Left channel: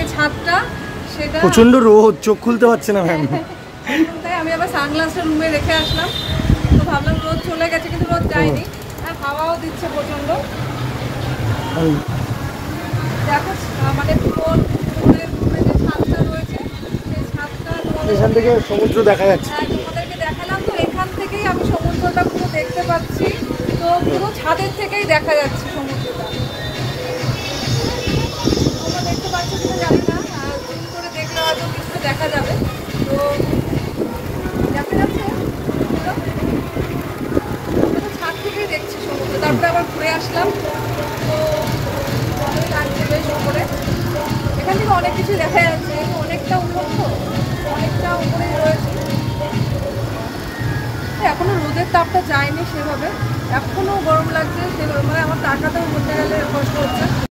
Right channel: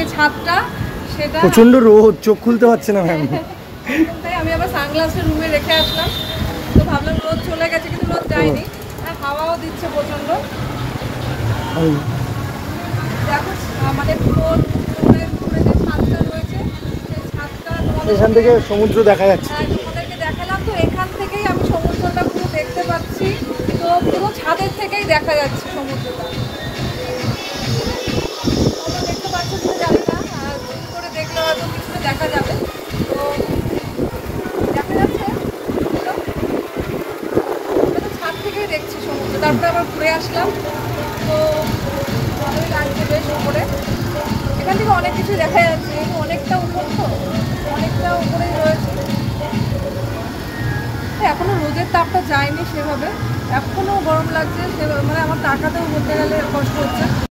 যে ছাদটা সেটা প্রচন্ড রোদ, চোখ খুলতে পারছে না ম্যাম। তাই আমি আবার সানগ্লাসটা রুমে রেখে আসলাম, তো ভাবলাম রোদ চলে গেছে, কিন্তু রোদ যায়নি, আর হাওয়াও দিচ্ছে প্রচন্ড। দেখো মানে যে ছাদটা রয়েছে সেই ছাদটা এখান থেকে সমুদ্র দেখা যাচ্ছে। তোমাদেরকে দেখালাম, তো এখান থেকেই আমি সমুদ্রটা পুরো দেখতে পাচ্ছি, তো পুরো ছাদের থেকেই দেখা যাচ্ছে সমুদ্রটা। দেখতে পাচ্ছ কিনা জানি না, জুম করে দেখলে হয়তো কিছু দেখা যাবে। তো দেখা যাচ্ছে ছাদ থেকেই দেখছি সমুদ্র। তারপরে আবার ঘুরে আসলাম, তো ভালোই লাগছে বেশ উপরে। এখান থেকে অনেক কিছু দেখা যাচ্ছে, অনেকটা উন্নত, অনেকটা উপরে রয়েছে। এখনো রোদের তাপটা যায়নি সেভাবে, এখনো গরম লাগছে সেভাবে, মানে আমার তাকাতেও বলতে গেলে কষ্ট হচ্ছে।